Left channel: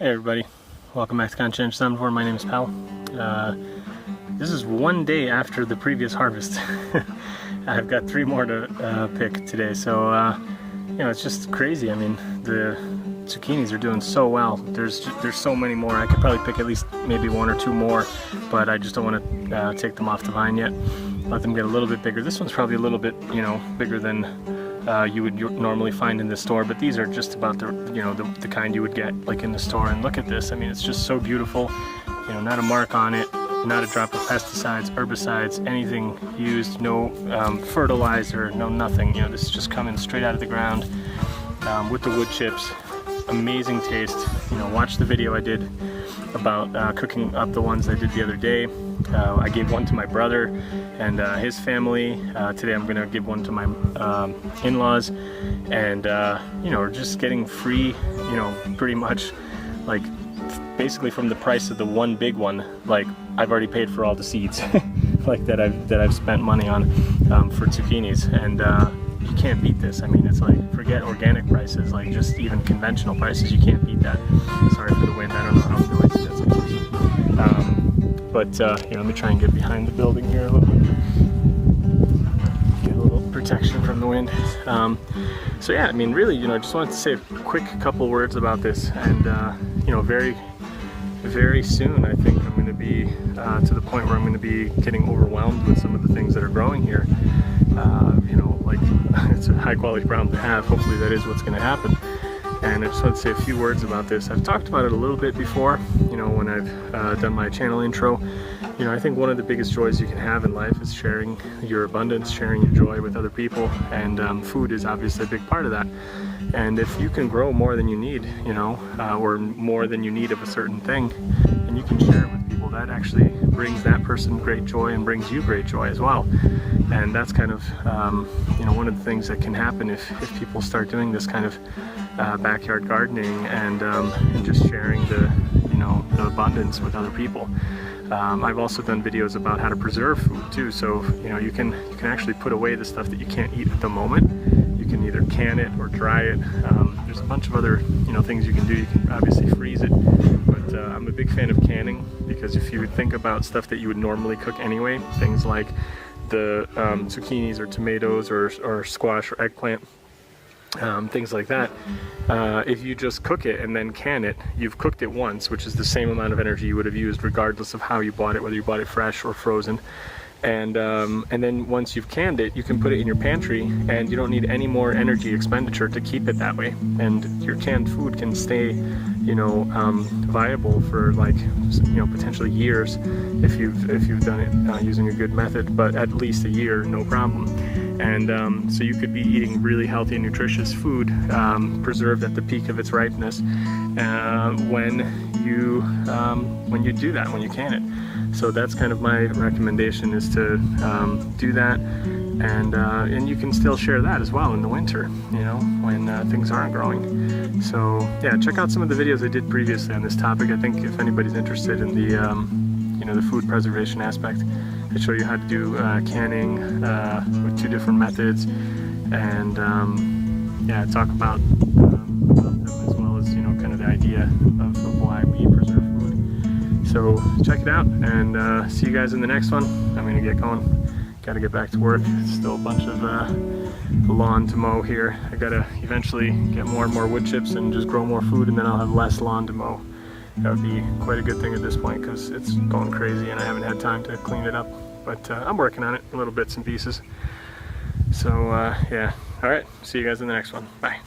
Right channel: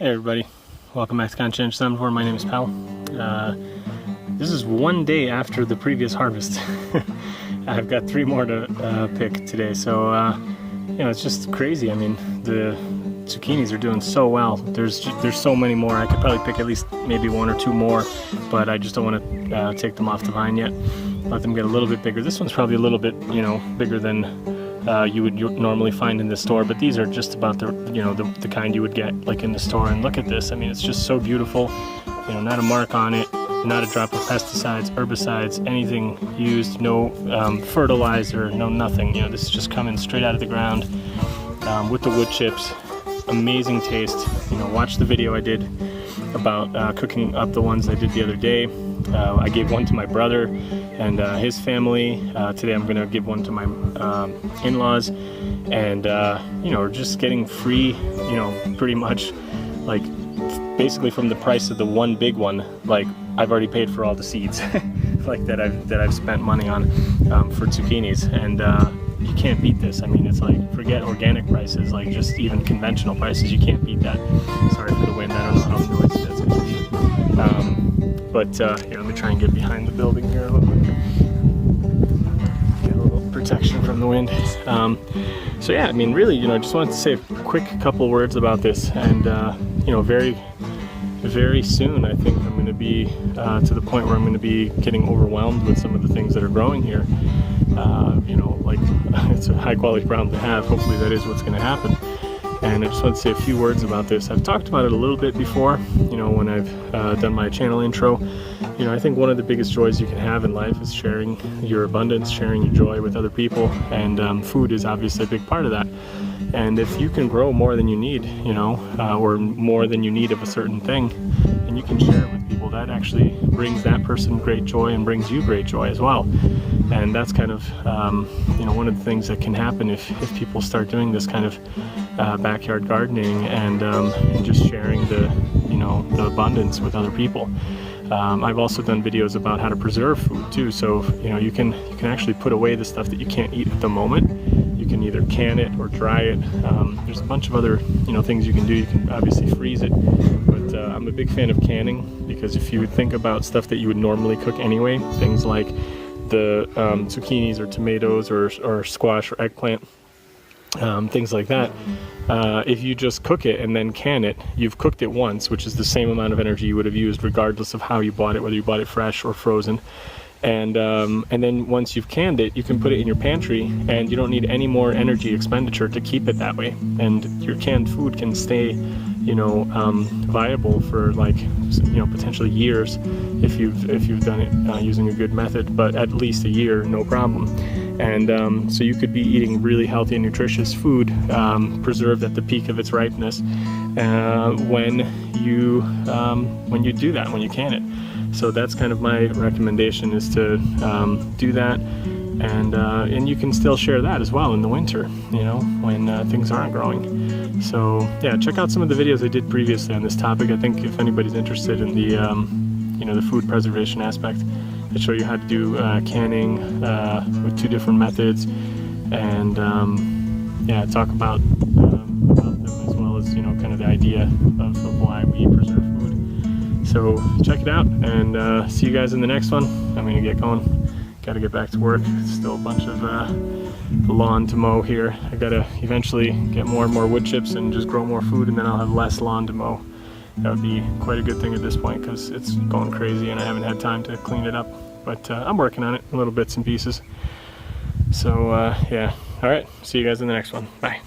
Hey everybody, welcome back to Conscientious Omnivore. My name is Pal. This is one day after the previous harvest. I've got 3 more to pick today, so it's just crazy. I mean, the zucchinis are doing so well. There's so many more. I could probably pick at least maybe 1 or 2 more, but I just don't want to take them off the vine yet. Let them get a little bit bigger. This one's probably a little bit, bigger than you would normally find in the store, but these are just about the kind you would get like in the store. And look at this. I mean, it's just so beautiful. Not a mark on it, not a drop of pesticides, herbicides, anything used, no fertilizer, no nothing. This is just coming straight out of the ground with the wood chips. Amazing taste. Watch the video I did about cooking up the ones I did the other day. I gave one to my brother and his family. Today I'm going to give one to my in-laws, and we're just getting free, pretty much like basically from the price of the one big one. Like, I've already paid for all the seeds like that I've spent money on for zucchinis, and you can't beat this. I mean, it's like, forget organic prices, like just even conventional prices, you can't beat that. Sorry for the wind, I don't know how noisy that's going to be. But let me try and get behind the building here a little bit. Get a little protection from the wind. So yeah, I mean, really, I just wanted to say a quick couple words about this, and very, very soon I think I'm going to be to the point where I'm going to be getting overwhelmed with some of the things that are growing here. Like, it's a high quality problem to have. Hopefully that is what's going to happen. And I just want to say a few words about this. I've talked about it a little bit before, when I've done my channel intro. I think one of the biggest joys you can have in life is sharing your abundance, sharing your joy with other people, and food is obviously a big part of that. And if you can grow more than you need, or more than you need of a certain thing, and you can share it with people, that actually brings that person great joy and brings you great joy as well. And that's kind of, one of the things that can happen if people start doing this kind of backyard gardening and just sharing the abundance with other people. I've also done videos about how to preserve food too. So you can actually put away the stuff that you can't eat at the moment. You can either can it or dry it. There's a bunch of other things you can do. You can obviously freeze it, but I'm a big fan of canning, because if you think about stuff that you would normally cook anyway, things like the zucchinis or tomatoes or squash or eggplant, things like that, if you just cook it and then can it, you've cooked it once, which is the same amount of energy you would have used regardless of how you bought it, whether you bought it fresh or frozen. And then once you've canned it, you can put it in your pantry, and you don't need any more energy expenditure to keep it that way. And your canned food can stay, viable for like, potentially years if you've done it using a good method, but at least a year, no problem. And so you could be eating really healthy and nutritious food, preserved at the peak of its ripeness, when you do that, when you can it. So that's kind of my recommendation, is to do that, and you can still share that as well in the winter, when things aren't growing. So yeah, check out some of the videos I did previously on this topic. I think if anybody's interested in the the food preservation aspect, I show you how to do canning with 2 different methods, and talk about them, as well as kind of the idea of why we preserve food. So check it out, and see you guys in the next one. I'm gonna get going. Gotta get back to work. Still a bunch of lawn to mow here. I gotta eventually get more and more wood chips and just grow more food, and then I'll have less lawn to mow. That would be quite a good thing at this point, because it's going crazy and I haven't had time to clean it up. But I'm working on it, little bits and pieces. So yeah, alright, see you guys in the next one. Bye.